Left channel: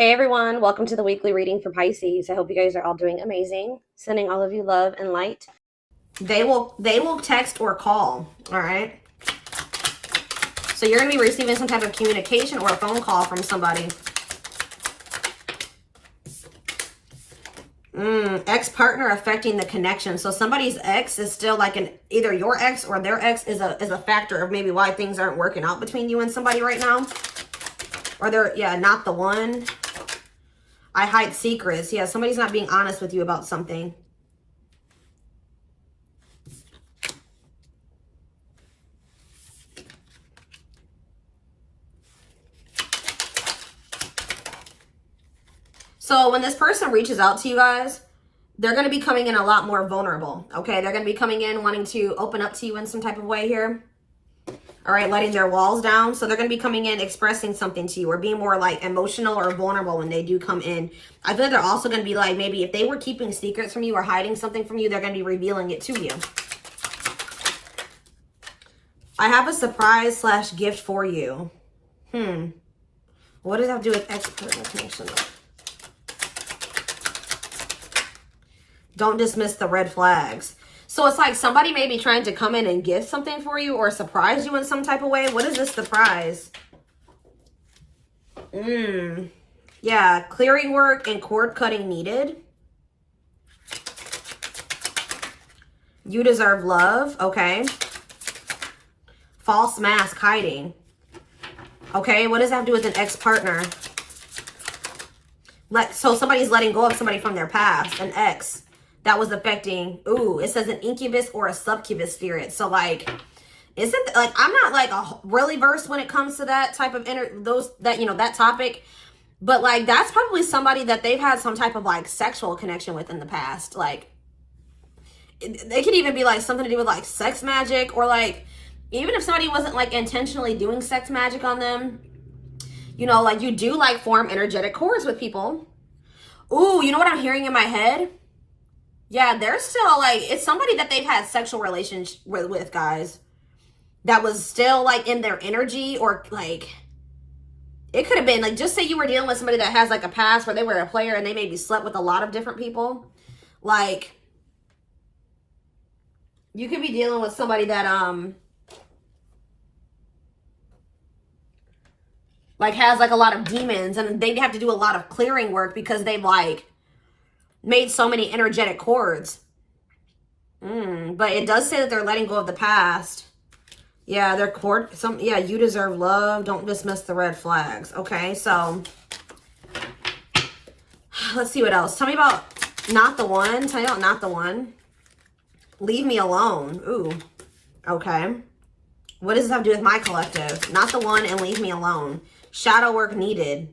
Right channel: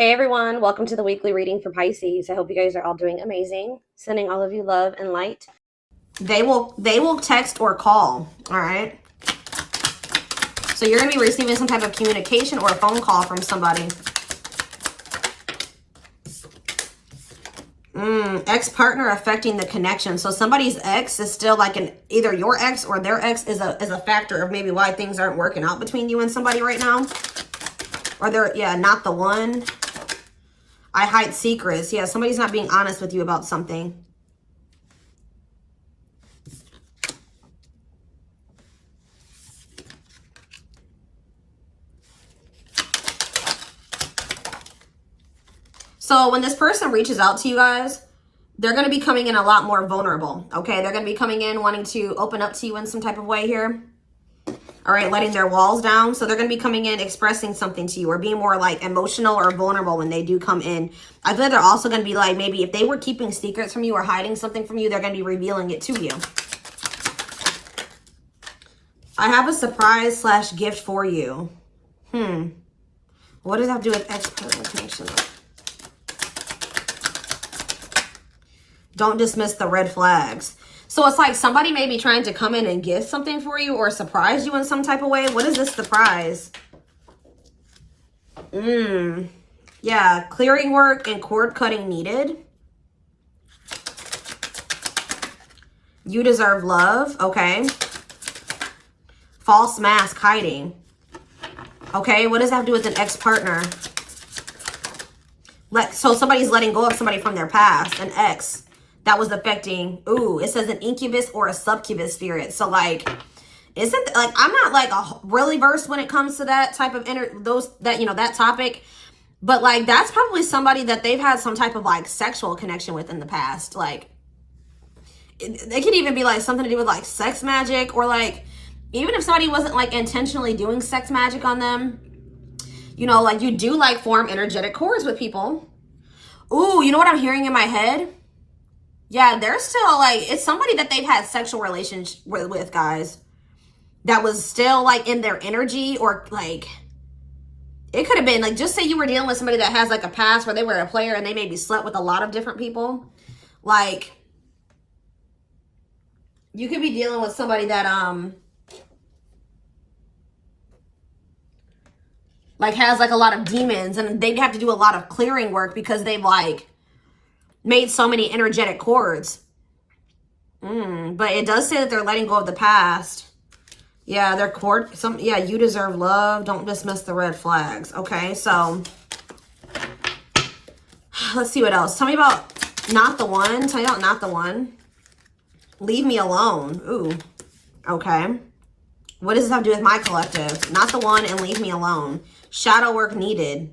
Hey everyone, welcome to the weekly reading for Pisces. I hope you guys are all doing amazing. Sending all of you love and light. They will text or call, all right? So you're going to be receiving some type of communication or a phone call from somebody. Ex-partner affecting the connection. So somebody's ex is still like either your ex or their ex is a factor of maybe why things aren't working out between you and somebody right now. Or they're, not the one. I hide secrets. Yeah, somebody's not being honest with you about something. So when this person reaches out to you guys, they're going to be coming in a lot more vulnerable, okay? They're going to be coming in wanting to open up to you in some type of way here. All right, letting their walls down. So they're going to be coming in expressing something to you or being more like emotional or vulnerable when they do come in. I feel like they're also going to be like, maybe if they were keeping secrets from you or hiding something from you, they're going to be revealing it to you. I have a surprise / gift for you. What does that have to do with ex-partner connection? Don't dismiss the red flags. So it's like somebody may be trying to come in and give something for you or surprise you in some type of way. What is this surprise? Yeah, clearing work and cord cutting needed. You deserve love. Okay. False mask hiding. Okay, what does that have to do with an ex-partner? So somebody's letting go of somebody from their past, an ex. That was affecting, it says an incubus or a succubus spirit. So like, isn't like, I'm not like really versed when it comes to that type of that topic, but like, that's probably somebody that they've had some type of like sexual connection with in the past. Like, they could even be like something to do with like sex magic, or like, even if somebody wasn't like intentionally doing sex magic on them, like you do like form energetic cords with people. Ooh, you know what I'm hearing in my head? Yeah, they're still like, it's somebody that they've had sexual relations with, guys. That was still like in their energy, or like, it could have been like, just say you were dealing with somebody that has like a past where they were a player and they maybe slept with a lot of different people. Like, you could be dealing with somebody that, like has like a lot of demons, and they have to do a lot of clearing work because they've like made so many energetic cords. But it does say that they're letting go of the past. Yeah, their cord. You deserve love. Don't dismiss the red flags. Okay, so let's see what else. Tell me about not the one. Tell me about not the one. Leave me alone. Ooh. Okay. What does this have to do with my collective? Not the one and leave me alone. Shadow work needed.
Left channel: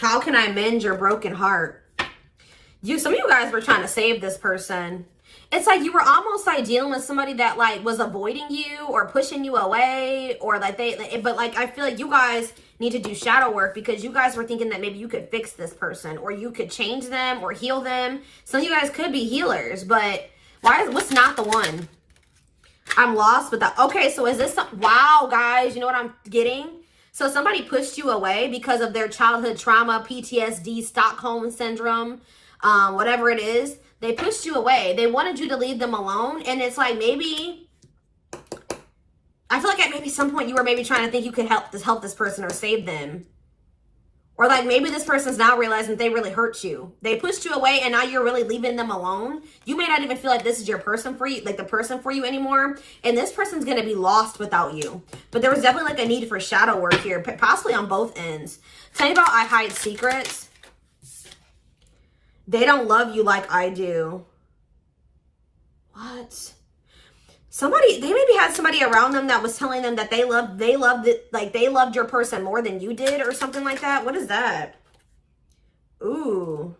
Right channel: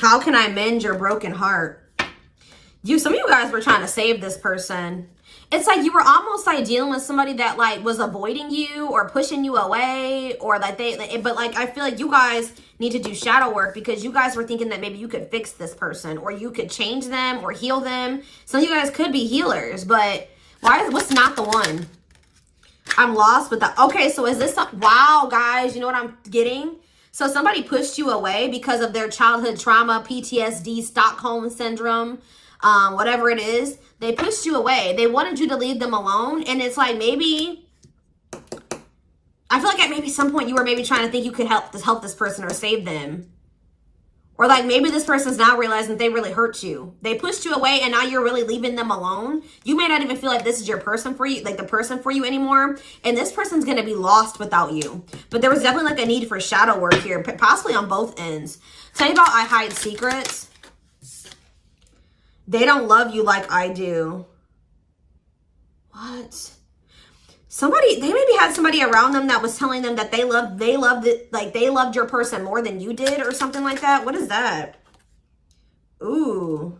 How can I mend your broken heart? Some of you guys were trying to save this person. It's like you were almost like dealing with somebody that like was avoiding you or pushing you away, or like but like I feel like you guys need to do shadow work because you guys were thinking that maybe you could fix this person or you could change them or heal them. Some of you guys could be healers, but what's not the one? I'm lost with that. Okay, so is this wow, guys, you know what I'm getting? So somebody pushed you away because of their childhood trauma, PTSD, Stockholm syndrome, whatever it is. They pushed you away. They wanted you to leave them alone. And it's like, maybe, I feel like at maybe some point you were maybe trying to think you could help this person or save them. Or like maybe this person's now realizing that they really hurt you. They pushed you away and now you're really leaving them alone. You may not even feel like this is your person for you, like the person for you anymore. And this person's going to be lost without you. But there was definitely like a need for shadow work here, possibly on both ends. Tell you about I hide secrets. They don't love you like I do. What? They maybe had somebody around them that was telling them that they loved your person more than you did or something like that. What is that? Ooh.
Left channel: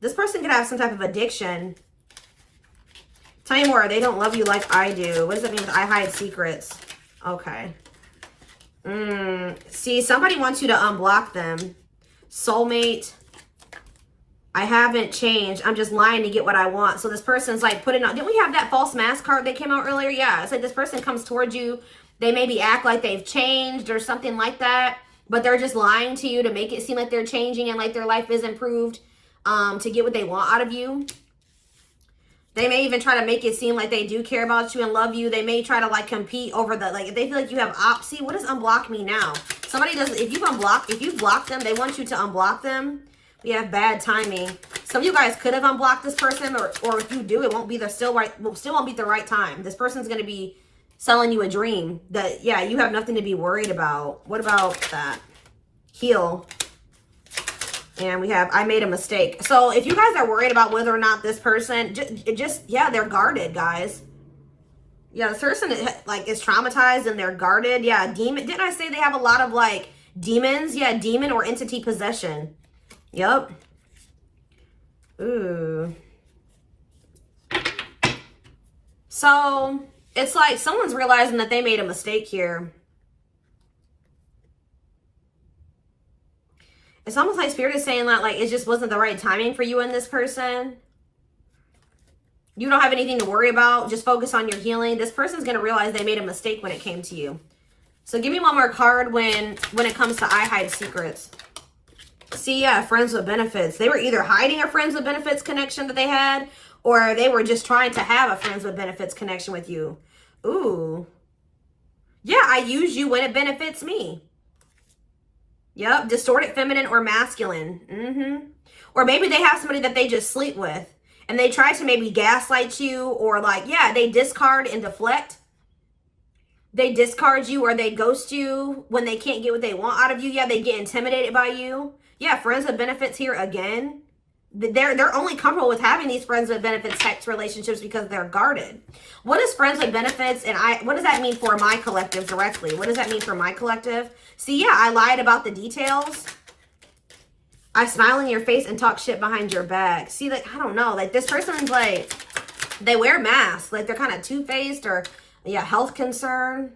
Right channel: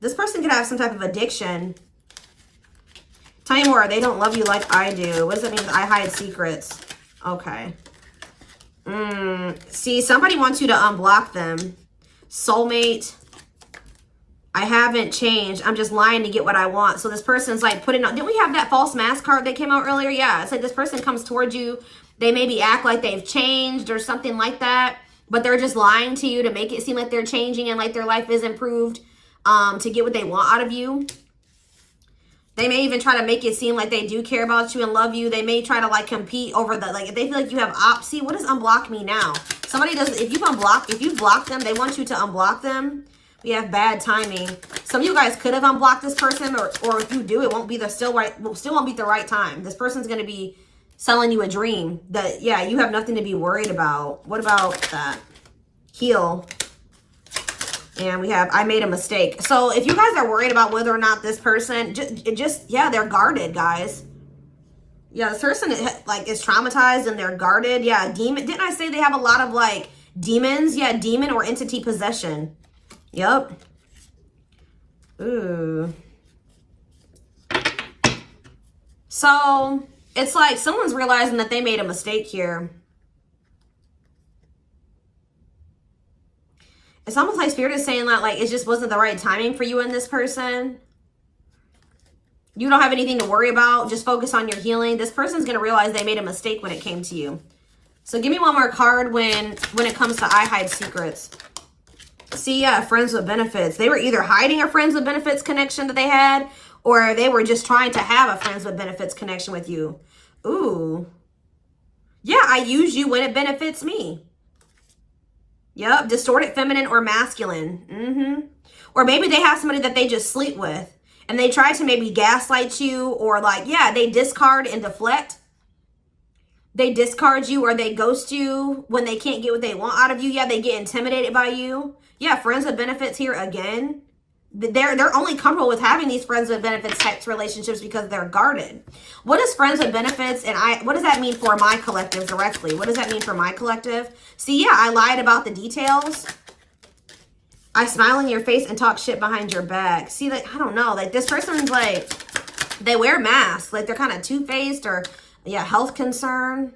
This person could have some type of addiction. Tell me more. They don't love you like I do. What does that mean? I hide secrets. Okay. See, somebody wants you to unblock them. Soulmate. I haven't changed. I'm just lying to get what I want. So this person's like putting on, didn't we have that false mask card that came out earlier? Yeah, it's like this person comes towards you. They maybe act like they've changed or something like that, but they're just lying to you to make it seem like they're changing and like their life is improved to get what they want out of you. They may even try to make it seem like they do care about you and love you. They may try to like compete over the, like if they feel like you have see, what does unblock me now? Somebody does, if you block them, they want you to unblock them. We have bad timing. Some of you guys could have unblocked this person, or if you do, it won't be still won't be the right time. This person's going to be selling you a dream that, yeah, you have nothing to be worried about. What about that? Heal. And we have, I made a mistake. So if you guys are worried about whether or not this person, yeah, they're guarded, guys. Yeah, this person is traumatized and they're guarded. Yeah, demon. Didn't I say they have a lot of like demons? Yeah, demon or entity possession. Yep. Ooh. So it's like someone's realizing that they made a mistake here. It's almost like Spirit is saying like it just wasn't the right timing for you and this person. You don't have anything to worry about. Just focus on your healing. This person's going to realize they made a mistake when it came to you. So give me one more card when it comes to I hide secrets. See, yeah, friends with benefits. They were either hiding a friends with benefits connection that they had, or they were just trying to have a friends with benefits connection with you. Ooh. Yeah, I use you when it benefits me. Yep, distorted feminine or masculine. Or maybe they have somebody that they just sleep with and they try to maybe gaslight you, or like, yeah, they discard and deflect. They discard you or they ghost you when they can't get what they want out of you. Yeah, they get intimidated by you. Yeah, friends with benefits here again. They're only comfortable with having these friends with benefits types relationships because they're guarded. What is friends with benefits, and what does that mean for my collective directly? What does that mean for my collective? See, yeah, I lied about the details. I smile in your face and talk shit behind your back. See, like, I don't know, like this person's like, they wear masks, like they're kind of two-faced, or yeah, health concern.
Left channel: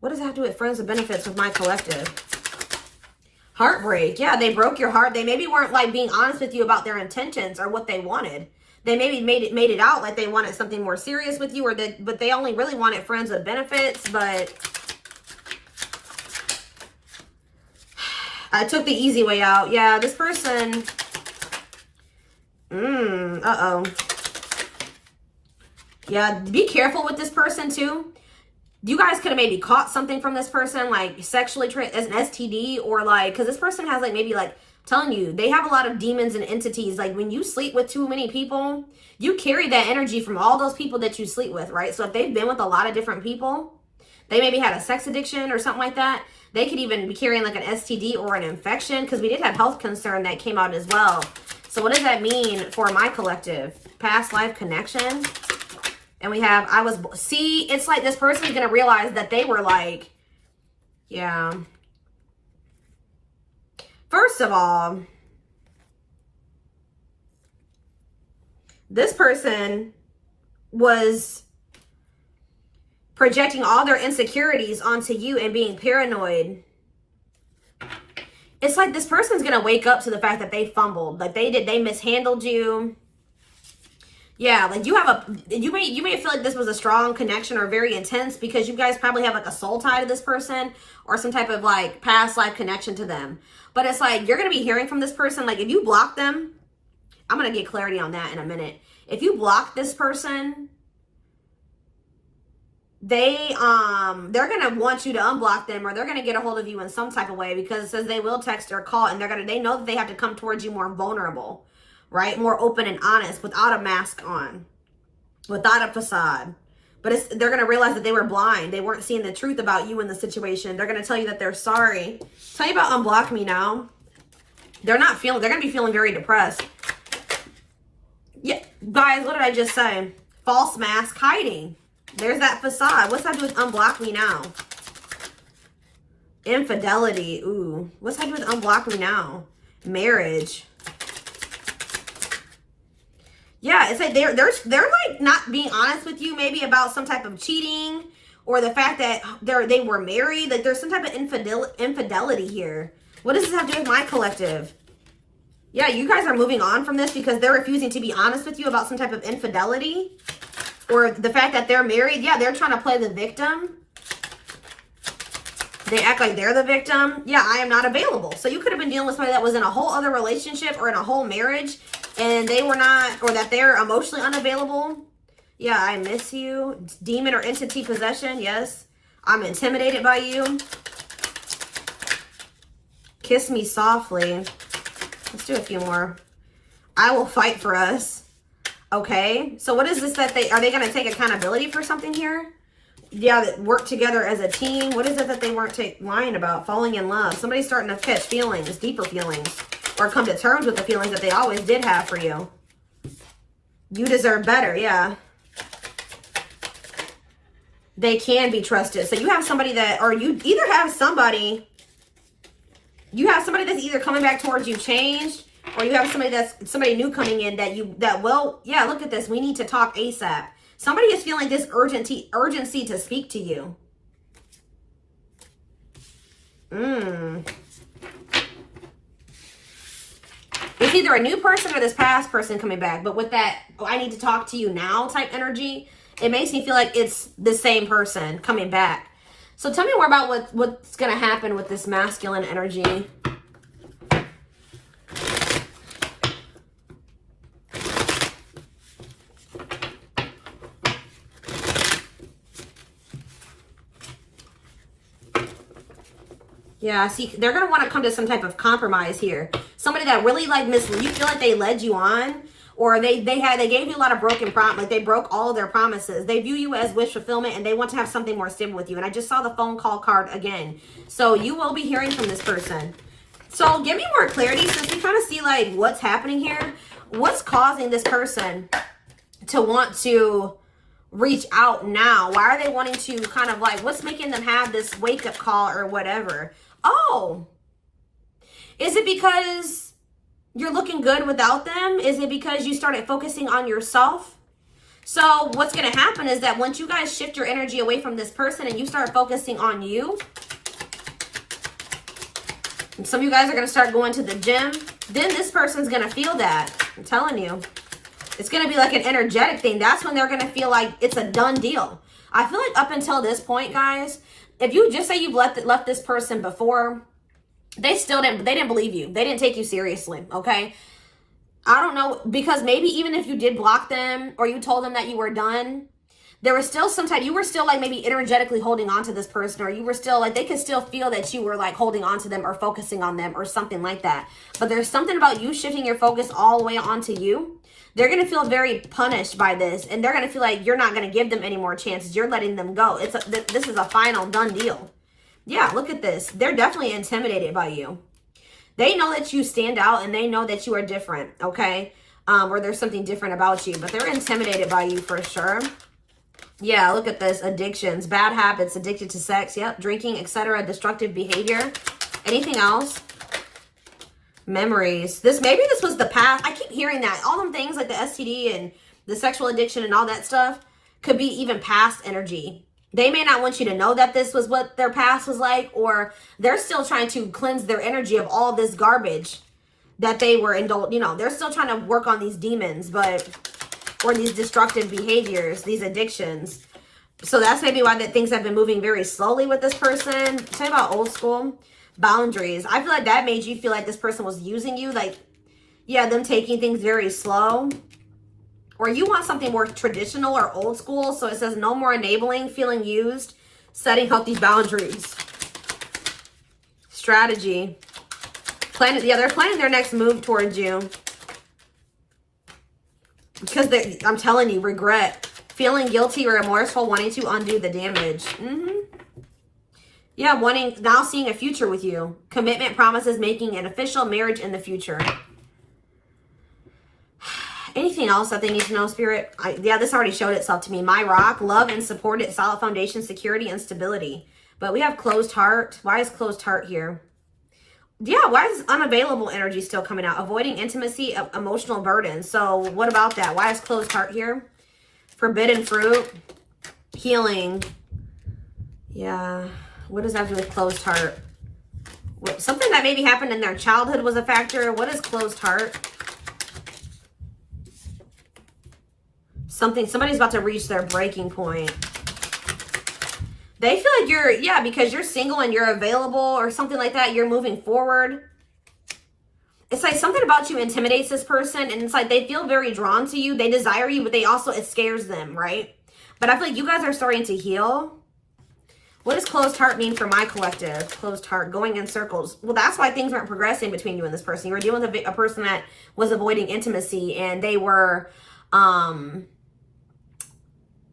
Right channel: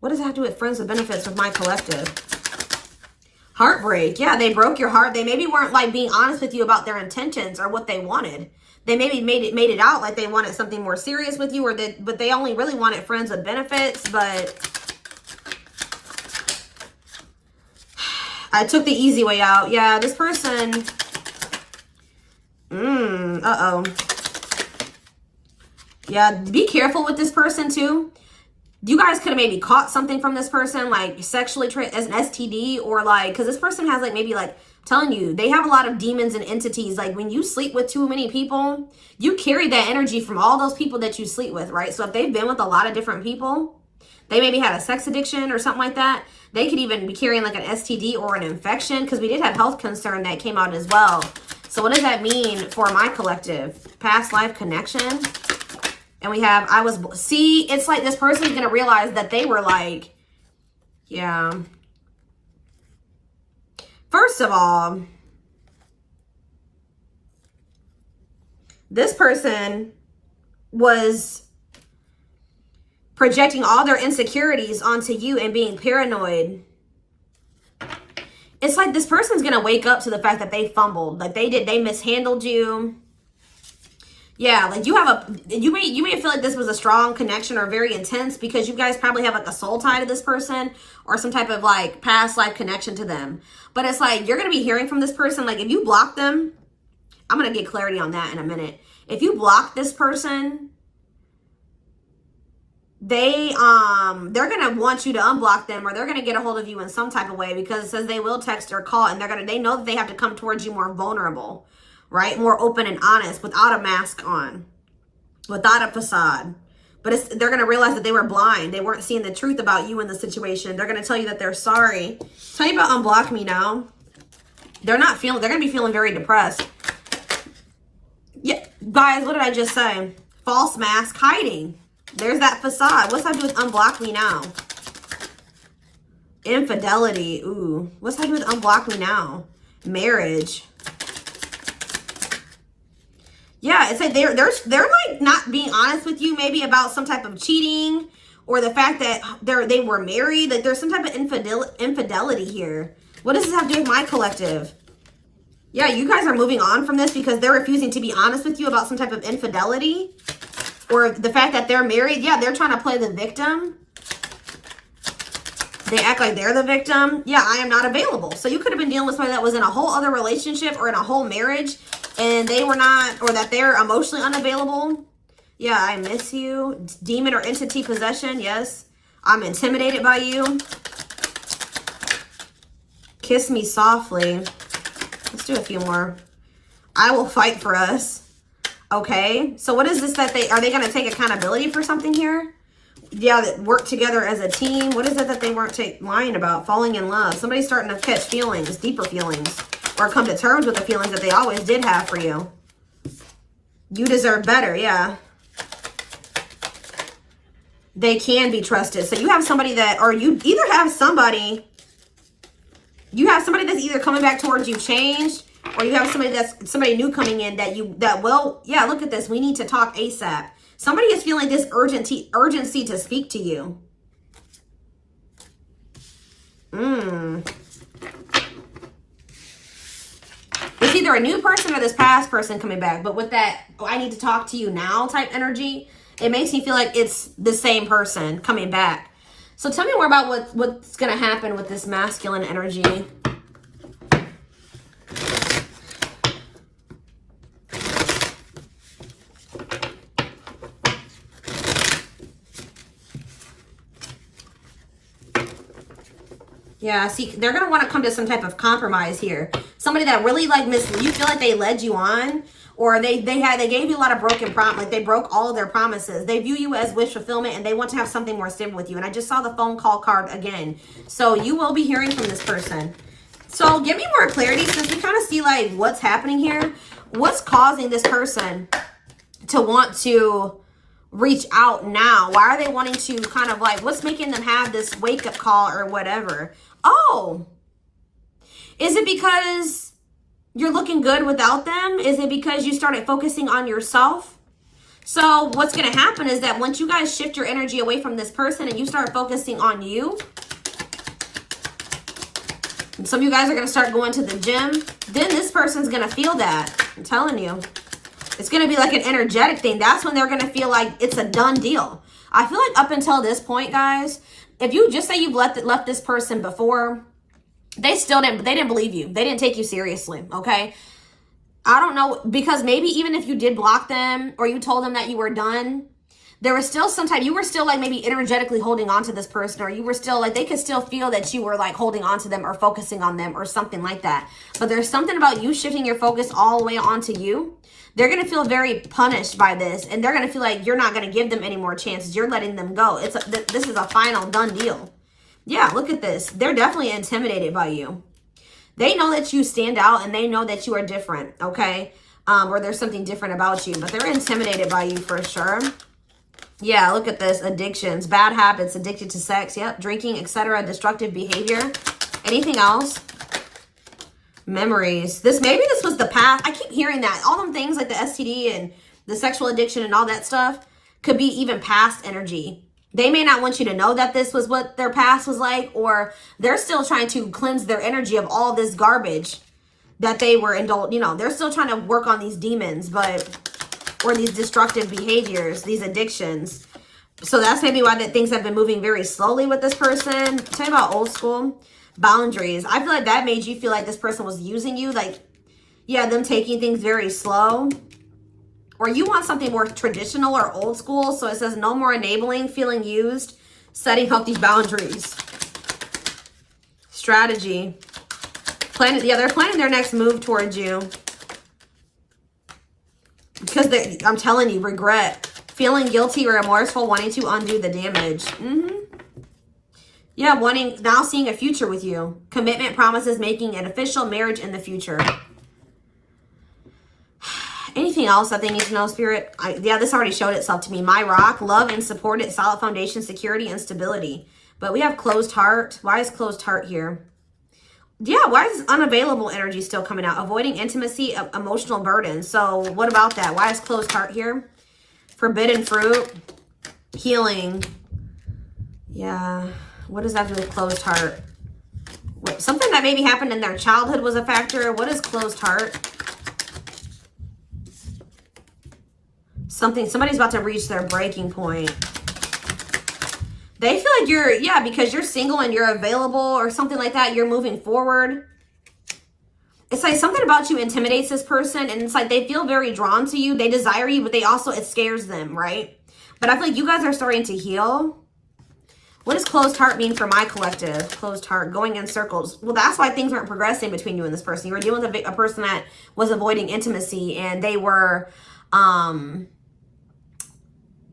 What does that have to do with friends with benefits with my collective? Heartbreak. Yeah, they broke your heart. They maybe weren't like being honest with you about their intentions or what they wanted. They maybe made it out like they wanted something more serious with you, but they only really wanted friends with benefits. But I took the easy way out. Yeah, this person. Uh-oh. Yeah, be careful with this person too. You guys could have maybe caught something from this person, like sexually as an STD, or like, because this person has like maybe like telling you they have a lot of demons and entities. Like when you sleep with too many people, you carry that energy from all those people that you sleep with, right? So if they've been with a lot of different people, they maybe had a sex addiction or something like that. They could even be carrying like an STD or an infection, because we did have health concern that came out as well. So what does that mean for my collective? Past life connection. And we have, see, it's like this person's going to realize that they were like, yeah. First of all, this person was projecting all their insecurities onto you and being paranoid. It's like this person's going to wake up to the fact that they fumbled, like they mishandled you. Yeah, like you may feel like this was a strong connection or very intense because you guys probably have like a soul tie to this person or some type of like past life connection to them. But it's like you're going to be hearing from this person. Like if you block them, I'm going to get clarity on that in a minute. If you block this person, they're going to want you to unblock them, or they're going to get a hold of you in some type of way, because it says they will text or call, and they know that they have to come towards you more vulnerable. Right? More open and honest, without a mask on, without a facade. But they're going to realize that they were blind. They weren't seeing the truth about you in the situation. They're going to tell you that they're sorry. Tell me about unblock me now. They're going to be feeling very depressed. Yeah, guys, what did I just say? False mask hiding. There's that facade. What's that do with unblock me now? Infidelity. Ooh. What's that do with unblock me now? Marriage. Yeah, it's like they're like not being honest with you, maybe about some type of cheating, or the fact that they were married. That there's some type of infidelity here. What does this have to do with my collective? Yeah, you guys are moving on from this because they're refusing to be honest with you about some type of infidelity, or the fact that they're married. Yeah, they're trying to play the victim. They act like they're the victim. Yeah, I am not available. So you could have been dealing with somebody that was in a whole other relationship or in a whole marriage and they were not, or that they're emotionally unavailable. Yeah, I miss you. Demon or entity possession. Yes. I'm intimidated by you. Kiss me softly. Let's do a few more. I will fight for us. Okay. So what is this that are they going to take accountability for something here? Yeah, that work together as a team. What is it that they weren't lying about? Falling in love. Somebody's starting to catch feelings, deeper feelings, or come to terms with the feelings that they always did have for you. You deserve better. Yeah. They can be trusted. So you have somebody that, or you either have somebody, that's either coming back towards you changed, or you have somebody new coming in well, yeah, look at this. We need to talk ASAP. Somebody is feeling this urgency to speak to you. It's either a new person or this past person coming back. But with that, I need to talk to you now type energy, it makes me feel like it's the same person coming back. So tell me more about what's going to happen with this masculine energy. Yeah, see, they're going to want to come to some type of compromise here. Somebody that really you feel like they led you on, or they gave you a lot of broken promise, like they broke all of their promises. They view you as wish fulfillment and they want to have something more stable with you. And I just saw the phone call card again. So you will be hearing from this person. So give me more clarity, since we kind of see like what's happening here. What's causing this person to want to reach out now? Why are they wanting to kind of like, what's making them have this wake up call or whatever? Oh, is it because you're looking good without them? Is it because you started focusing on yourself? So what's going to happen is that once you guys shift your energy away from this person and you start focusing on you, and some of you guys are going to start going to the gym, then this person's going to feel that. I'm telling you. It's going to be like an energetic thing. That's when they're going to feel like it's a done deal. I feel like up until this point, guys, if you just say you've left this person before, they didn't believe you. They didn't take you seriously, okay? I don't know, because maybe even if you did block them or you told them that you were done, there was still you were still like maybe energetically holding on to this person, or you were still like, they could still feel that you were like holding on to them or focusing on them or something like that. But there's something about you shifting your focus all the way onto you. They're going to feel very punished by this, and they're going to feel like you're not going to give them any more chances. You're letting them go. This is a final done deal. Yeah, look at this. They're definitely intimidated by you. They know that you stand out, and they know that you are different, okay? Or there's something different about you, but they're intimidated by you for sure. Yeah, look at this. Addictions, bad habits, addicted to sex, yep, drinking, etc., destructive behavior. Anything else? Memories. Maybe this was the past. I keep hearing that. All them things like the STD and the sexual addiction and all that stuff could be even past energy. They may not want you to know that this was what their past was like, or they're still trying to cleanse their energy of all this garbage that they were indulged. They're still trying to work on these demons, or these destructive behaviors, these addictions. So that's maybe why things have been moving very slowly with this person. Tell me about old school. Boundaries. I feel like that made you feel like this person was using you. Like, yeah, them taking things very slow. Or you want something more traditional or old school. So it says no more enabling, feeling used, setting up these boundaries. Strategy. They're planning their next move towards you. Because I'm telling you, regret. Feeling guilty or remorseful, wanting to undo the damage. Yeah, now seeing a future with you. Commitment, promises, making an official marriage in the future. Anything else that they need to know, Spirit? Yeah, this already showed itself to me. My rock, love and support it, solid foundation, security, and stability. But we have closed heart. Why is closed heart here? Yeah, why is unavailable energy still coming out? Avoiding intimacy, emotional burden. So what about that? Why is closed heart here? Forbidden fruit, healing. Yeah. What does that do with closed heart? Something that maybe happened in their childhood was a factor. What is closed heart? Somebody's about to reach their breaking point. They feel like you're, yeah, because you're single and you're available or something like that. You're moving forward. It's like something about you intimidates this person, and it's like they feel very drawn to you. They desire you, but they also, it scares them, right? But I feel like you guys are starting to heal. What does closed heart mean for my collective? Closed heart, going in circles. Well, that's why things aren't progressing between you and this person. You were dealing with a person that was avoiding intimacy, and they were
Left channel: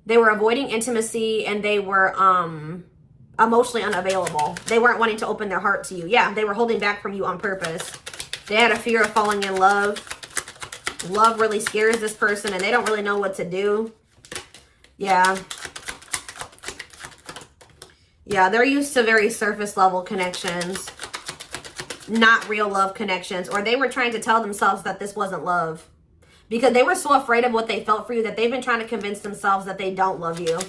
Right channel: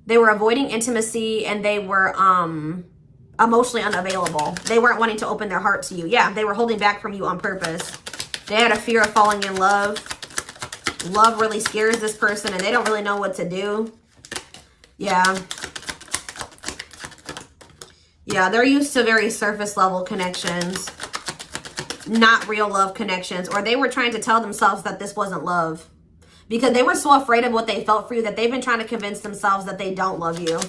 avoiding intimacy, and they were emotionally unavailable. They weren't wanting to open their heart to you. Yeah, they were holding back from you on purpose. They had a fear of falling in love. Love really scares this person, and they don't really know what to do. Yeah. Yeah, they're used to very surface level connections, not real love connections, or they were trying to tell themselves that this wasn't love because they were so afraid of what they felt for you that they've been trying to convince themselves that they don't love you.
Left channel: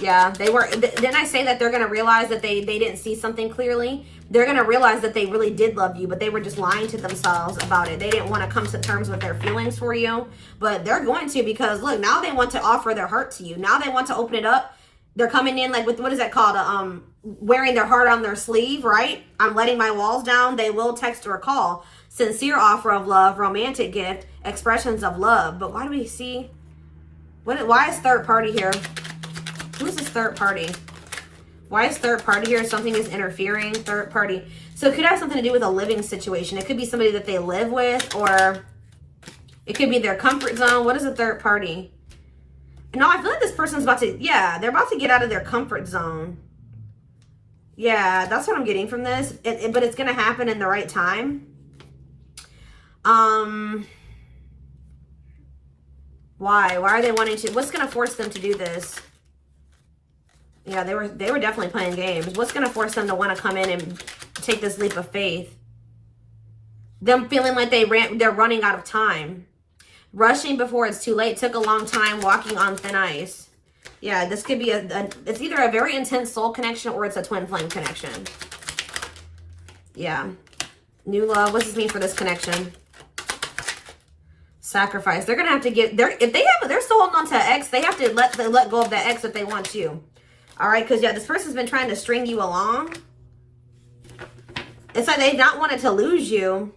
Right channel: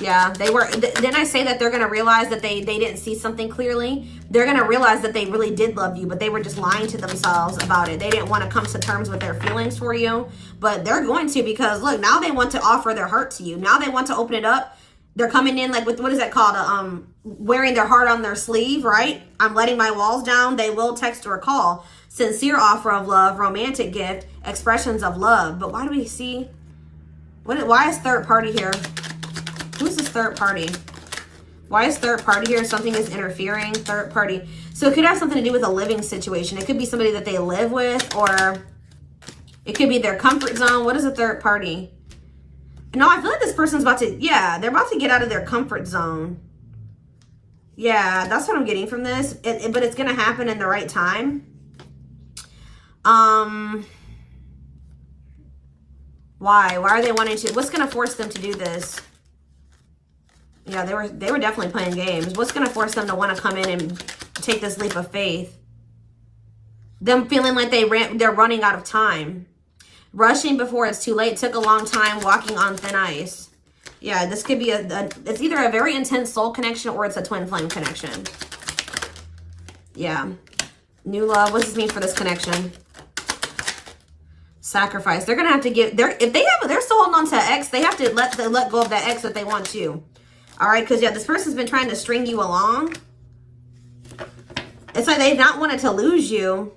Yeah, they were. Then I say that they're going to realize that they didn't see something clearly. They're going to realize that they really did love you, but they were just lying to themselves about it. They didn't want to come to terms with their feelings for you, but they're going to, because look, now they want to offer their heart to you. Now they want to open it up. They're coming in like with, what is that called? Wearing their heart on their sleeve, right? I'm letting my walls down. They will text or call. Sincere offer of love, romantic gift, expressions of love. But why do we see, why is third party here? Who's this third party? Why is third party here? Something is interfering. Third party. So it could have something to do with a living situation. It could be somebody that they live with, or it could be their comfort zone. What is a third party? No, I feel like this person's about to, yeah, they're about to get out of their comfort zone. Yeah, that's what I'm getting from this. But it's going to happen in the right time. Why? Why are they wanting to? What's going to force them to do this? Yeah, they were definitely playing games. What's going to force them to want to come in and take this leap of faith? Them feeling like they're running out of time. Rushing before it's too late. Took a long time. Walking on thin ice. Yeah, this could be it's either a very intense soul connection or it's a twin flame connection. Yeah. New love. What does this mean for this connection? Sacrifice. They're going to have to give, if they're still holding on to an ex, they have to let go of that ex if they want to. All right, because, yeah, this person's been trying to string you along. It's like they've not wanted to lose you,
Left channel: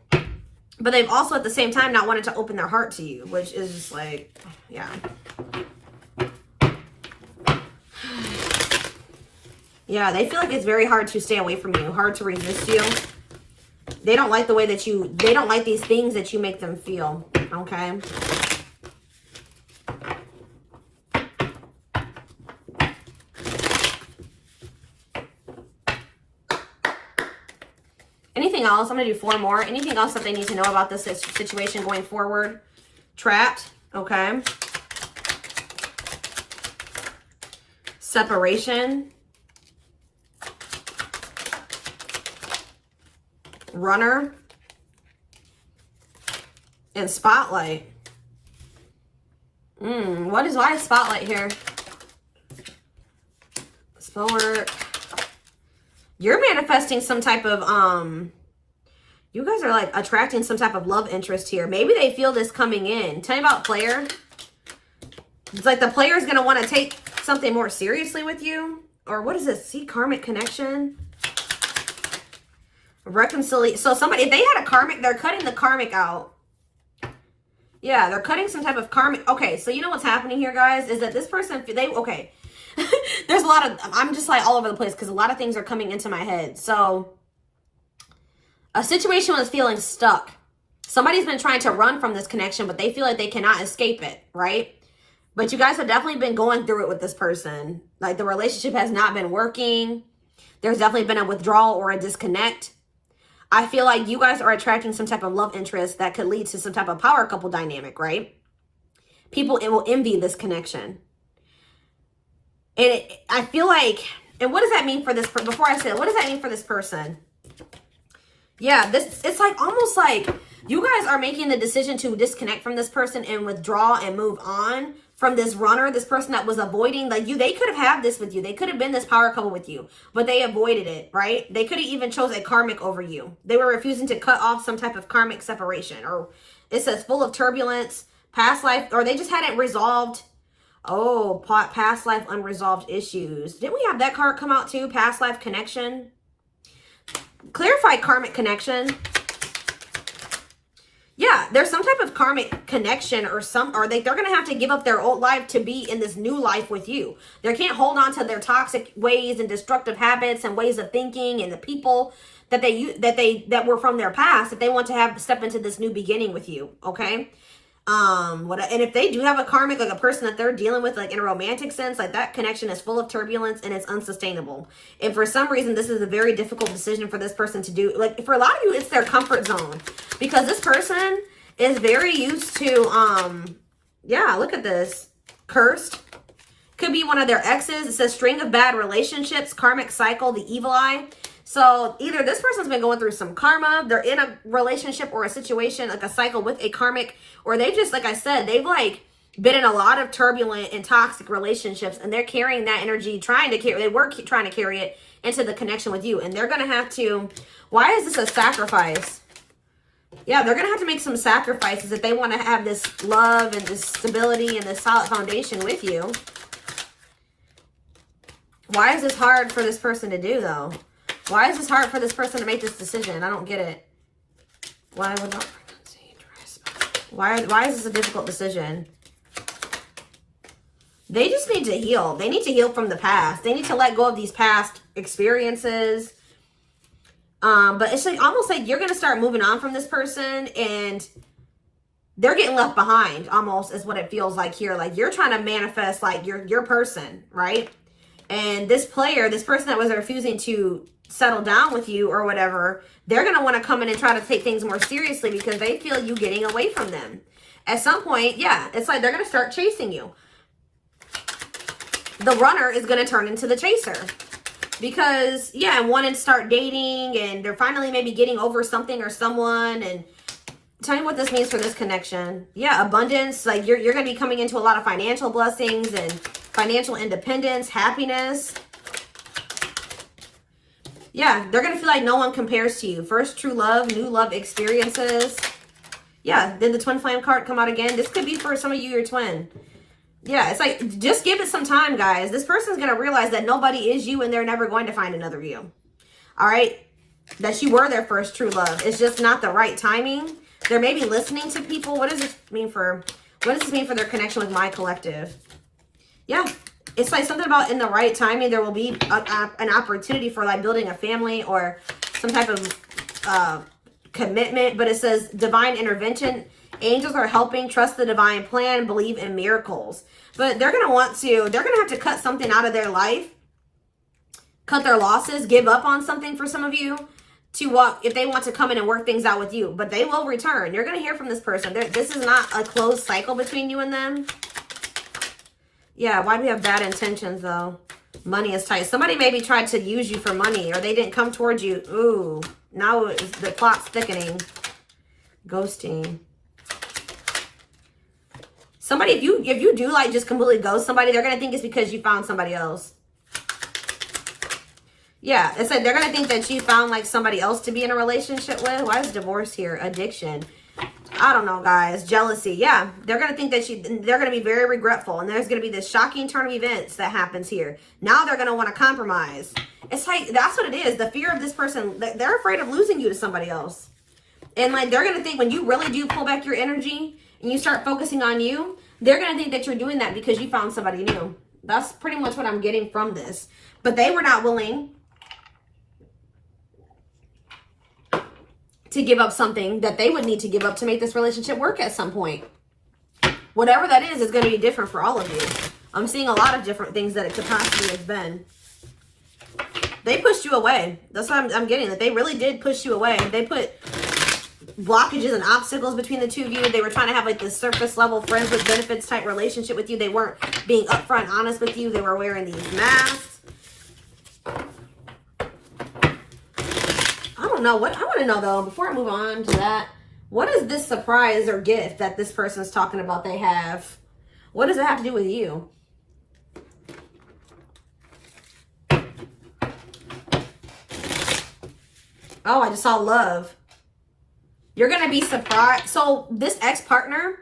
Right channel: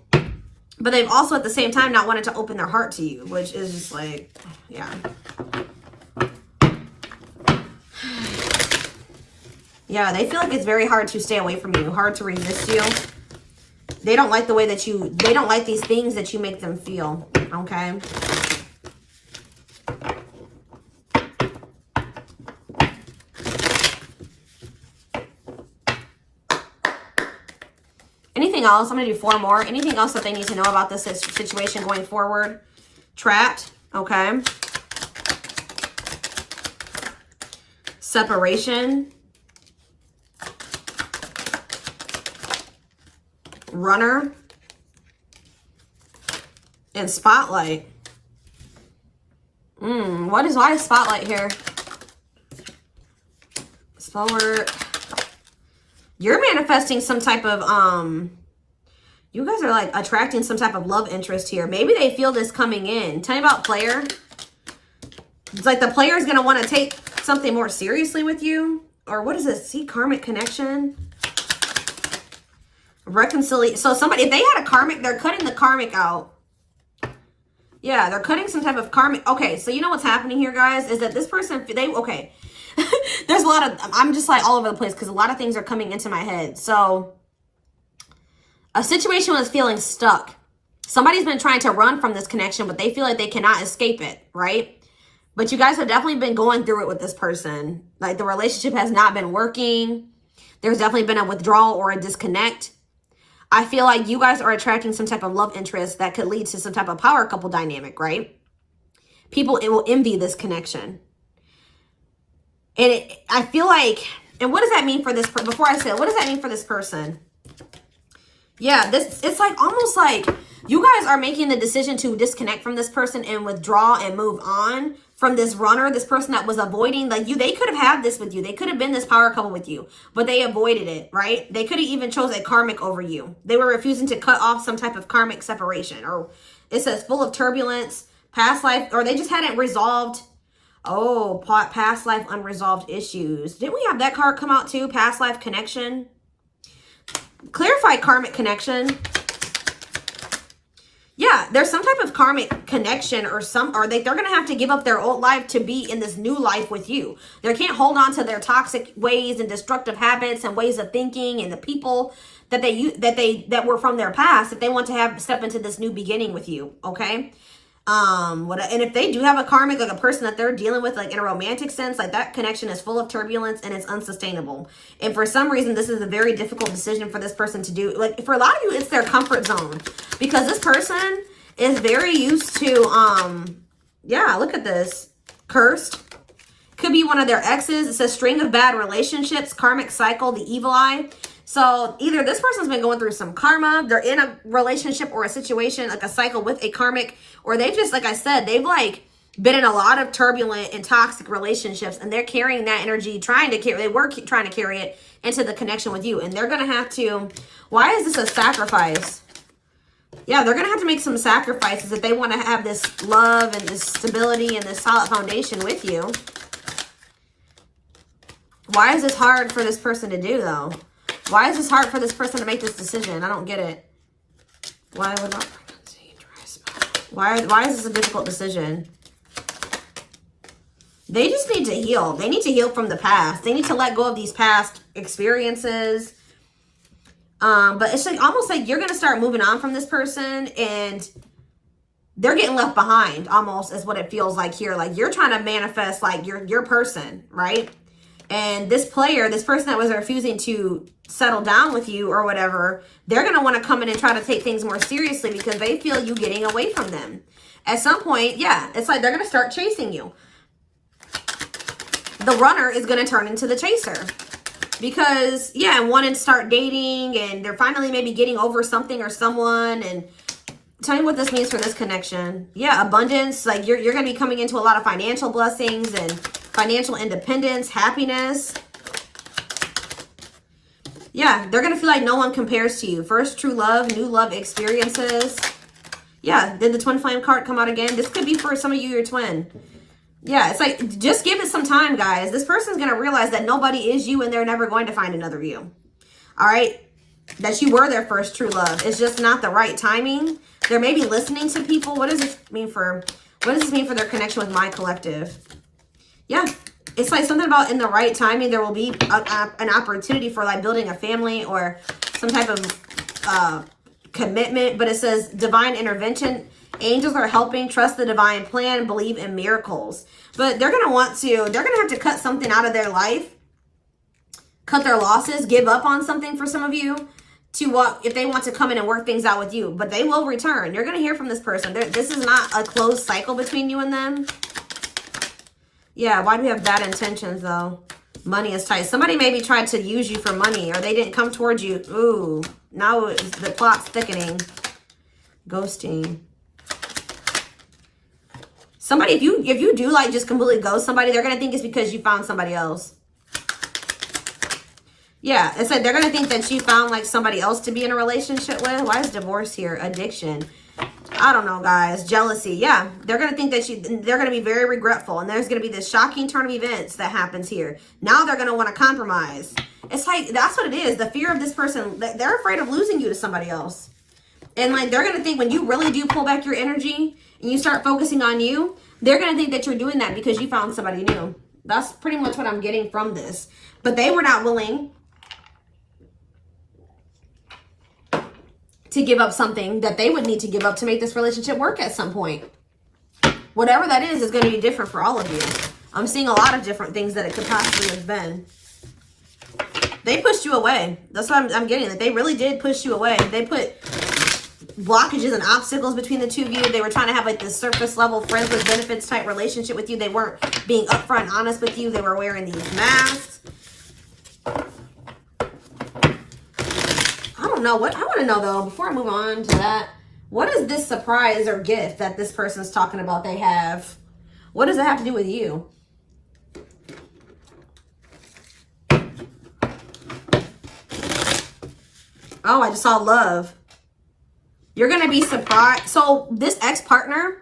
but they've also, at the same time, not wanted to open their heart to you, which is just like, yeah. Yeah, they feel like it's very hard to stay away from you, hard to resist you. They don't like the way that they don't like these things that you make them feel, okay? Anything else? I'm going to do 4 more. Anything else that they need to know about this situation going forward? Trapped. Okay. Separation. Runner. And spotlight. Why is spotlight here? Spell work. You're manifesting some type of, you guys are like attracting some type of love interest here. Maybe they feel this coming in. Tell me about player. It's like the player is going to want to take something more seriously with you. Or what is this? See, karmic connection. Reconciliation. So somebody, if they had a karmic, they're cutting the karmic out. Yeah, they're cutting some type of karmic. Okay, so you know what's happening here, guys, is that this person, okay. There's a lot of, I'm just like all over the place because a lot of things are coming into my head. So a situation was feeling stuck. Somebody's been trying to run from this connection, but they feel like they cannot escape it, right? But you guys have definitely been going through it with this person. Like the relationship has not been working. There's definitely been a withdrawal or a disconnect. I feel like you guys are attracting some type of love interest that could lead to some type of power couple dynamic, right? People will envy this connection. And I feel like, and what does that mean for this, before I say it, what does that mean for this person? Yeah, it's like almost like you guys are making the decision to disconnect from this person and withdraw and move on from this runner, this person that was avoiding, like they could have had this with you. They could have been this power couple with you, but they avoided it, right? They could have even chose a karmic over you. They were refusing to cut off some type of karmic separation, or it says full of turbulence, past life, or they just hadn't resolved Oh, past life unresolved issues. Didn't we have that card come out too? Past life connection. Clarify karmic connection. Yeah, there's some type of karmic connection or they're going to have to give up their old life to be in this new life with you. They can't hold on to their toxic ways and destructive habits and ways of thinking and the people that were from their past if they want to step into this new beginning with you, okay? And if they do have a karmic, like a person that they're dealing with, like in a romantic sense, like that connection is full of turbulence and it's unsustainable. And for some reason, this is a very difficult decision for this person to do. Like for a lot of you, it's their comfort zone because this person is very used to, yeah, look at this. Cursed. Could be one of their exes. It says string of bad relationships, karmic cycle, the evil eye. So either this person's been going through some karma, they're in a relationship or a situation, like a cycle with a karmic, or they've just, like I said, they've like been in a lot of turbulent and toxic relationships and they're carrying that energy, trying to carry it into the connection with you. And they're going to have to, why is this a sacrifice? Yeah, they're going to have to make some sacrifices if they want to have this love and this stability and this solid foundation with you. Why is this hard for this person to do though? Why is this hard for this person to make this decision? I don't get it. Why would not why is this a difficult decision? They just need to heal. They need to heal from the past. They need to let go of these past experiences. But it's like almost like you're gonna start moving on from this person and they're getting left behind almost is what it feels like here. Like you're trying to manifest like your person, right? And this person that was refusing to settle down with you or whatever, they're going to want to come in and try to take things more seriously because they feel you getting away from them. At some point, yeah, it's like they're going to start chasing you. The runner is going to turn into the chaser because, yeah, wanting to start dating and they're finally maybe getting over something or someone. And tell me what this means for this connection. Yeah, abundance, like you're going to be coming into a lot of financial blessings and financial independence, happiness. Yeah, they're going to feel like no one compares to you. First, true love, new love experiences. Yeah, did the twin flame card come out again? This could be for some of you, your twin. Yeah, it's like, just give it some time, guys. This person's going to realize that nobody is you and they're never going to find another you. All right? That you were their first true love. It's just not the right timing. They're maybe listening to people. What does this mean for their connection with my collective? Yeah. It's like something about in the right timing, there will be an opportunity for like building a family or some type of commitment. But it says divine intervention. Angels are helping, trust the divine plan, believe in miracles. But they're going to have to cut something out of their life, cut their losses, give up on something for some of you if they want to come in and work things out with you. But they will return. You're going to hear from this person. This is not a closed cycle between you and them. Yeah, why do we have bad intentions, though? Money is tight. Somebody maybe tried to use you for money, or they didn't come towards you. Ooh, now the plot's thickening. Ghosting. Somebody, if you do, like, just completely ghost somebody, they're going to think it's because you found somebody else. Yeah, it's like they're going to think that you found, like, somebody else to be in a relationship with. Why is divorce here? Addiction. I don't know, guys. Jealousy. Yeah, they're going to think that they're going to be very regretful. And there's going to be this shocking turn of events that happens here. Now they're going to want to compromise. It's like, that's what it is. The fear of this person, they're afraid of losing you to somebody else. And like, they're going to think when you really do pull back your energy and you start focusing on you, they're going to think that you're doing that because you found somebody new. That's pretty much what I'm getting from this. But they were not willing to give up something that they would need to give up to make this relationship work at some point. Whatever that is going to be different for all of you. I'm seeing a lot of different things that it could possibly have been. They pushed you away. That's what I'm getting. That they really did push you away. They put blockages and obstacles between the two of you. They were trying to have like this surface level friends with benefits type relationship with you. They weren't being upfront and honest with you. They were wearing these masks. I don't know. I want to know, though, before I move on to that, what is this surprise or gift that this person's talking about they have? What does it have to do with you? Oh, I just saw love. You're going to be surprised. So this ex-partner,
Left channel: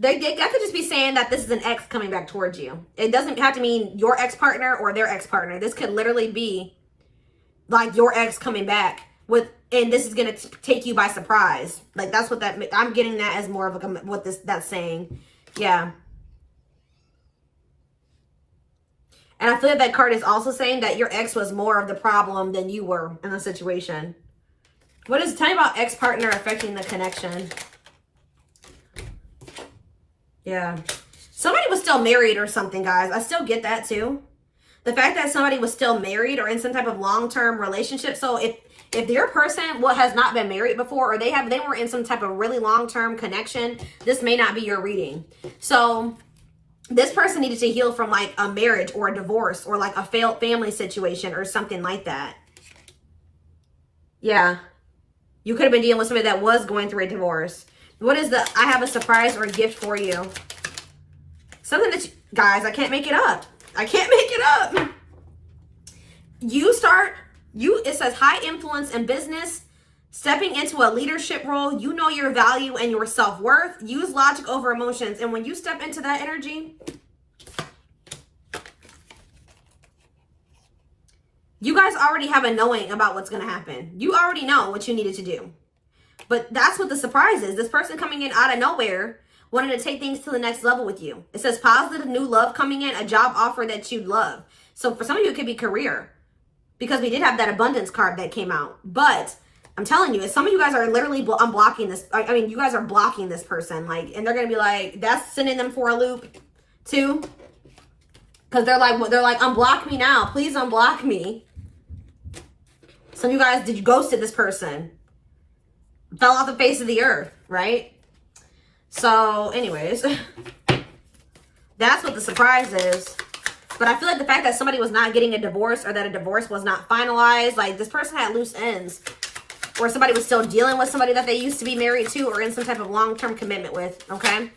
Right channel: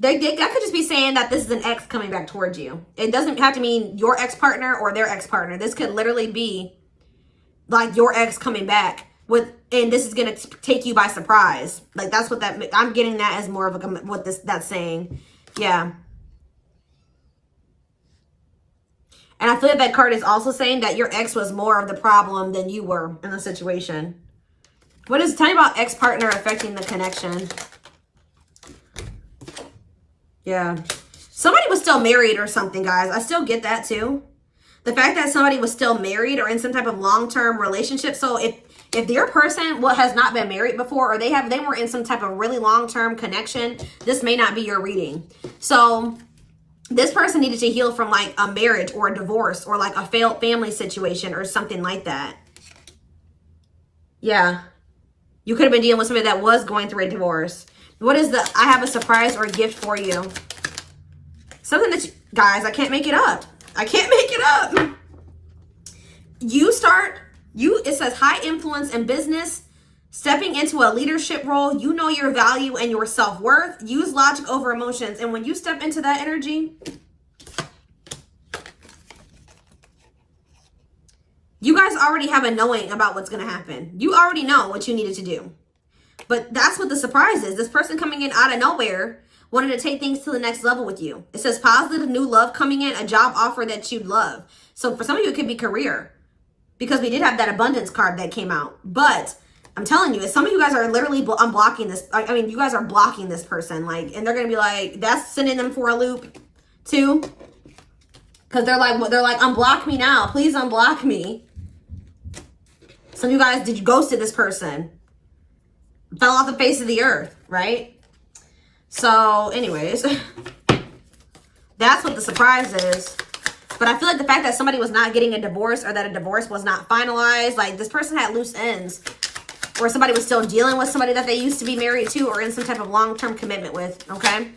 That could just be saying that this is an ex coming back towards you. It doesn't have to mean your ex-partner or their ex-partner. This could literally be like your ex coming back with, and this is going to take you by surprise. Like that's what that, I'm getting that as more of a, what that's saying. Yeah. And I feel like that card is also saying that your ex was more of the problem than you were in the situation. What is, tell me about ex-partner affecting the connection. Yeah. Somebody was still married or something, guys. I still get that too. The fact that somebody was still married or in some type of long-term relationship. So if their person has not been married before, or they were in some type of really long-term connection, this may not be your reading. So this person needed to heal from like a marriage or a divorce or like a failed family situation or something like that. Yeah. You could have been dealing with somebody that was going through a divorce. What is the, I have a surprise or a gift for you. Something that you, guys, I can't make it up. I can't make it up. It says high influence in business, stepping into a leadership role. You know your value and your self-worth. Use logic over emotions. And when you step into that energy, you guys already have a knowing about what's going to happen. You already know what you needed to do. But that's what the surprise is. This person coming in out of nowhere, wanting to take things to the next level with you. It says positive new love coming in, a job offer that you love. So for some of you, it could be career. Because we did have that abundance card that came out. But I'm telling you, some of you guys are literally unblocking this. I mean, you guys are blocking this person. Like, and they're going to be like, that's sending them for a loop too. Because they're like, unblock me now. Please unblock me. Some of you guys, did you ghost this person? Fell off the face of the earth, right? So anyways, that's what the surprise is. But I feel like the fact that somebody was not getting a divorce or that a divorce was not finalized, like this person had loose ends. Or somebody was still dealing with somebody that they used to be married to or in some type of long-term commitment with, okay?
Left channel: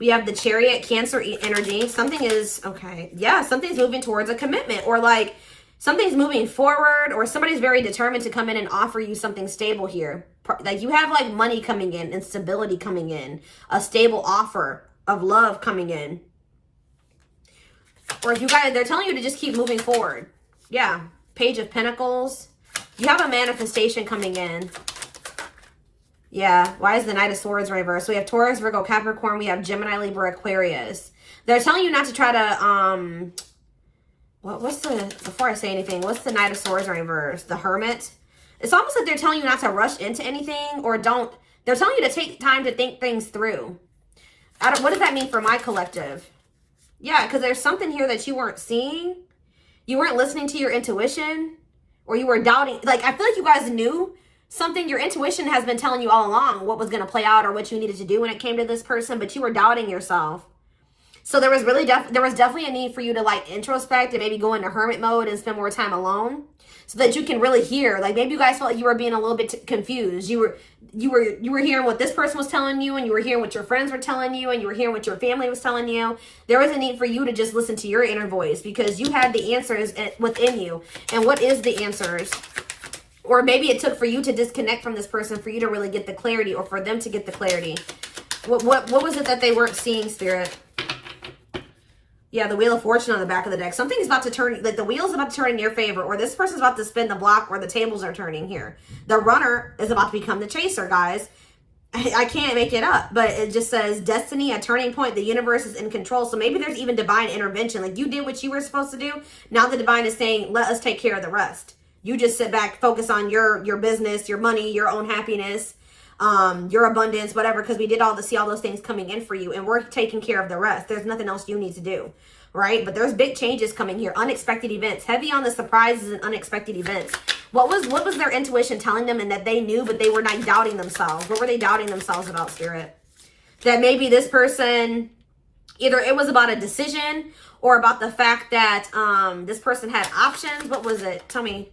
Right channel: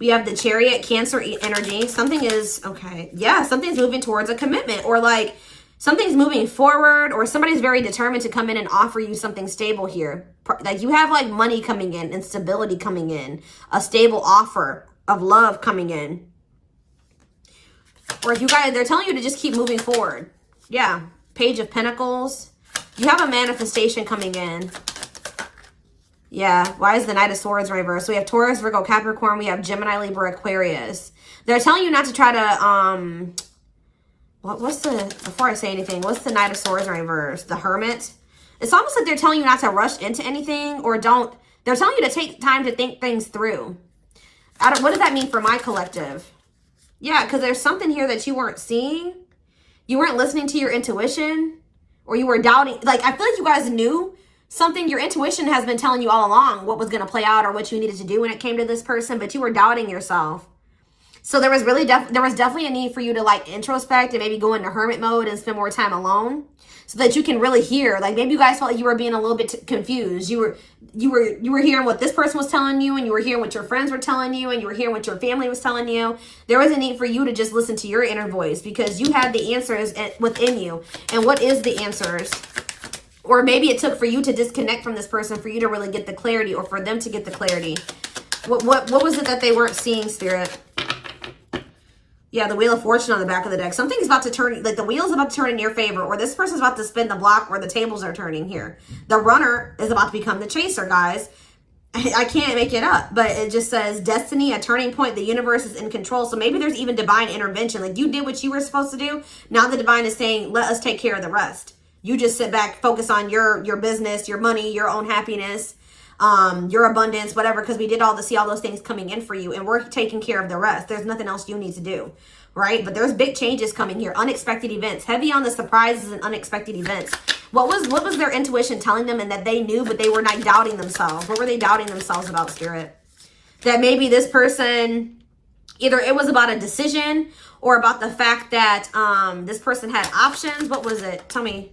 We have the Chariot, Cancer energy. Something is, okay, yeah, something's moving towards a commitment, or like something's moving forward, or somebody's very determined to come in and offer you something stable here. Like you have like money coming in and stability coming in, a stable offer of love coming in. Or if you guys, they're telling you to just keep moving forward. Yeah, Page of Pentacles. You have a manifestation coming in. Yeah, why is the Knight of Swords reversed? So we have Taurus, Virgo, Capricorn. We have Gemini, Libra, Aquarius. They're telling you not to try to, before I say anything, what's the Knight of Swords reversed? The Hermit. It's almost like they're telling you not to rush into anything, or they're telling you to take time to think things through. What does that mean for my collective? Yeah, because there's something here that you weren't seeing. You weren't listening to your intuition, or you were doubting. Like, I feel like you guys knew something. Your intuition has been telling you all along what was going to play out or what you needed to do when it came to this person, but you were doubting yourself. So there was really there was definitely a need for you to like introspect and maybe go into hermit mode and spend more time alone so that you can really hear. Like maybe you guys felt like you were being a little bit confused. You were hearing what this person was telling you, and you were hearing what your friends were telling you, and you were hearing what your family was telling you. There was a need for you to just listen to your inner voice because you had the answers within you. And what is the answers? Or maybe it took for you to disconnect from this person for you to really get the clarity, or for them to get the clarity. What was it that they weren't seeing, Spirit? Yeah, the Wheel of Fortune on the back of the deck. Something's about to turn, like the wheel's about to turn in your favor, or this person's about to spin the block where the tables are turning here. The runner is about to become the chaser, guys. I can't make it up, but it just says destiny, a turning point. The universe is in control. So maybe there's even divine intervention. Like you did what you were supposed to do. Now the divine is saying, let us take care of the rest. You just sit back, focus on your business, your money, your own happiness, your abundance, whatever, because we did see all those things coming in for you, and we're taking care of the rest. There's nothing else you need to do, right? But there's big changes coming here, unexpected events, heavy on the surprises and unexpected events. What was their intuition telling them, and that they knew, but they were not doubting themselves? What were they doubting themselves about, Spirit? That maybe this person, either it was about a decision or about the fact that this person had options. What was it? Tell me.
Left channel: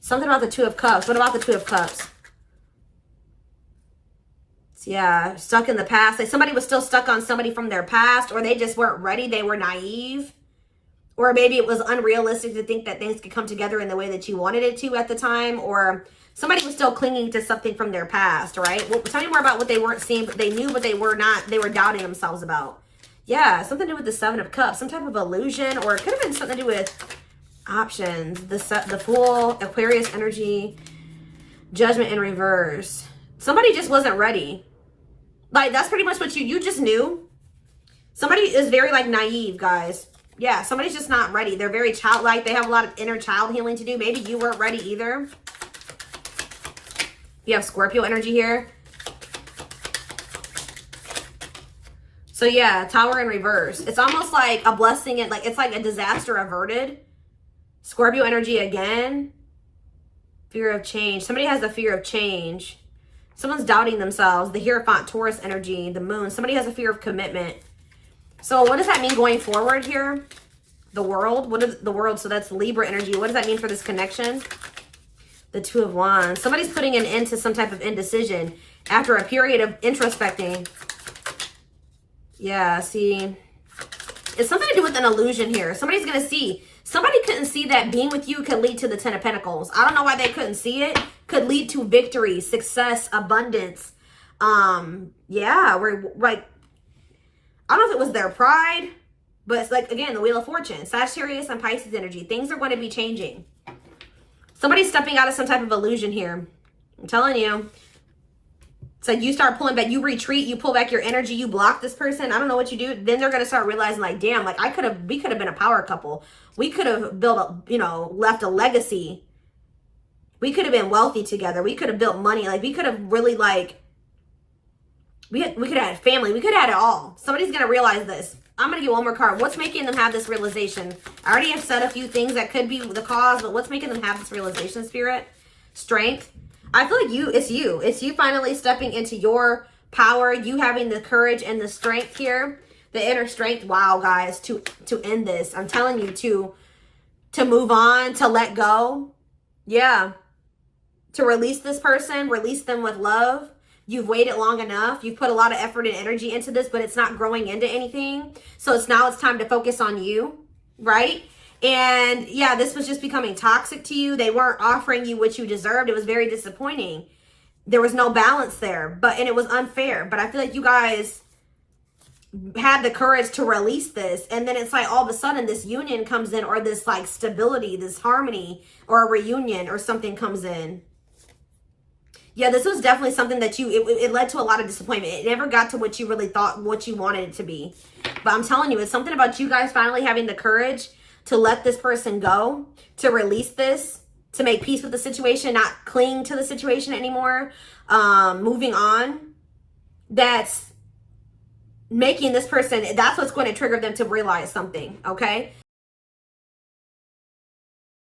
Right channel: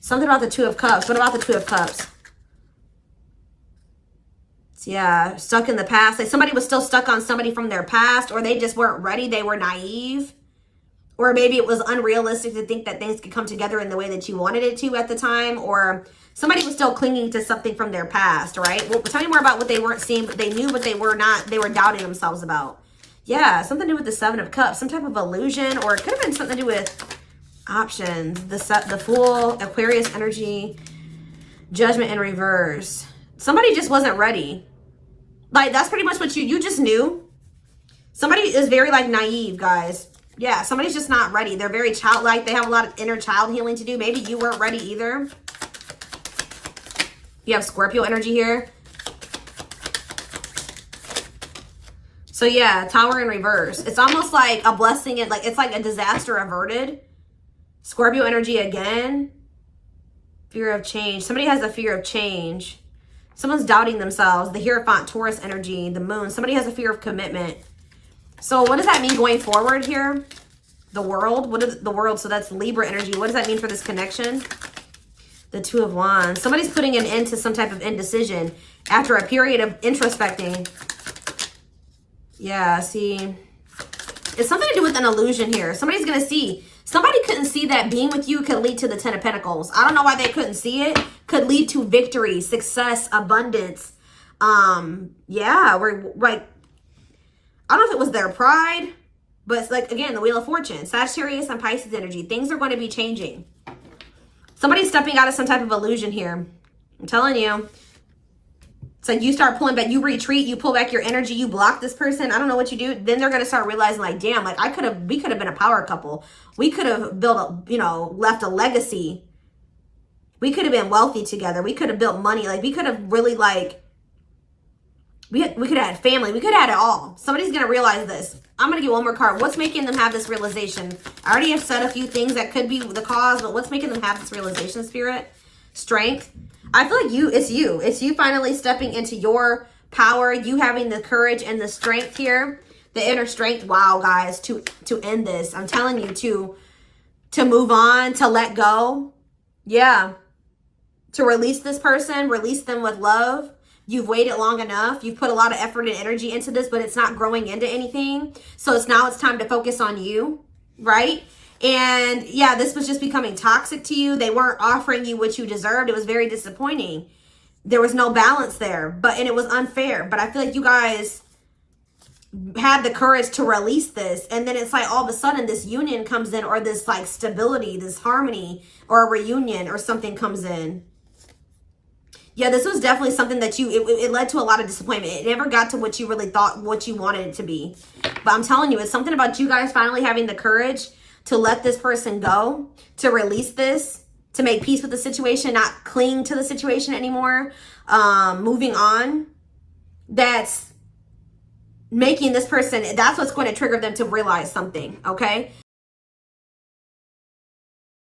Something about the Two of Cups. What about the Two of Cups? Yeah, stuck in the past. Like somebody was still stuck on somebody from their past, or they just weren't ready. They were naive. Or maybe it was unrealistic to think that things could come together in the way that you wanted it to at the time. Or somebody was still clinging to something from their past, right? Well, tell me more about what they weren't seeing, but they knew, but they were not, they were doubting themselves about. Yeah, something to do with the Seven of Cups, some type of illusion, or it could have been something to do with options. The Fool, Aquarius energy, Judgment in reverse. Somebody just wasn't ready. Like, that's pretty much what you just knew. Somebody is very, like, naive, guys. Yeah, somebody's just not ready. They're very childlike. They have a lot of inner child healing to do. Maybe you weren't ready either. You have Scorpio energy here. So yeah, Tower in reverse. It's almost like a blessing and like it's like a disaster averted. Scorpio energy again. Fear of change. Somebody has a fear of change. Someone's doubting themselves. The Hierophant, Taurus energy, the moon. Somebody has a fear of commitment. So what does that mean going forward here? The world. What is the world? So that's Libra energy. What does that mean for this connection? The Two of Wands. Somebody's putting an end to some type of indecision after a period of introspecting. Yeah, see. It's something to do with an illusion here. Somebody's going to see. Somebody couldn't see that being with you could lead to the Ten of Pentacles. I don't know why they couldn't see it. Could lead to victory, success, abundance. Yeah, we're like, I don't know if it was their pride, but it's like, again, the Wheel of Fortune. Sagittarius and Pisces energy. Things are going to be changing. Somebody's stepping out of some type of illusion here. I'm telling you. It's like you start pulling back, you retreat, you pull back your energy, you block this person. I don't know what you do. Then they're going to start realizing like, damn, like we could have been a power couple. We could have built a, left a legacy. We could have been wealthy together. We could have built money. Like we could have really like, we could have had family. We could have had it all. Somebody's going to realize this. I'm going to get one more card. What's making them have this realization? I already have said a few things that could be the cause, but what's making them have this realization, Spirit? Strength. I feel like it's you finally stepping into your power, you having the courage and the strength here, the inner strength. Wow, guys, to end this. I'm telling you to move on, to let go. Yeah. To release this person, release them with love. You've waited long enough. You've put a lot of effort and energy into this, but it's not growing into anything. So it's time to focus on you, right? And yeah, this was just becoming toxic to you. They weren't offering you what you deserved. It was very disappointing. There was no balance there, and it was unfair. But I feel like you guys had the courage to release this. And then it's like all of a sudden this union comes in, or this like stability, this harmony, or a reunion or something comes in. Yeah, this was definitely something that it led to a lot of disappointment. It never got to what you really thought, what you wanted it to be. But I'm telling you, it's something about you guys finally having the courage to let this person go, to release this, to make peace with the situation, not cling to the situation anymore, moving on. That's making this person, that's what's going to trigger them to realize something, okay?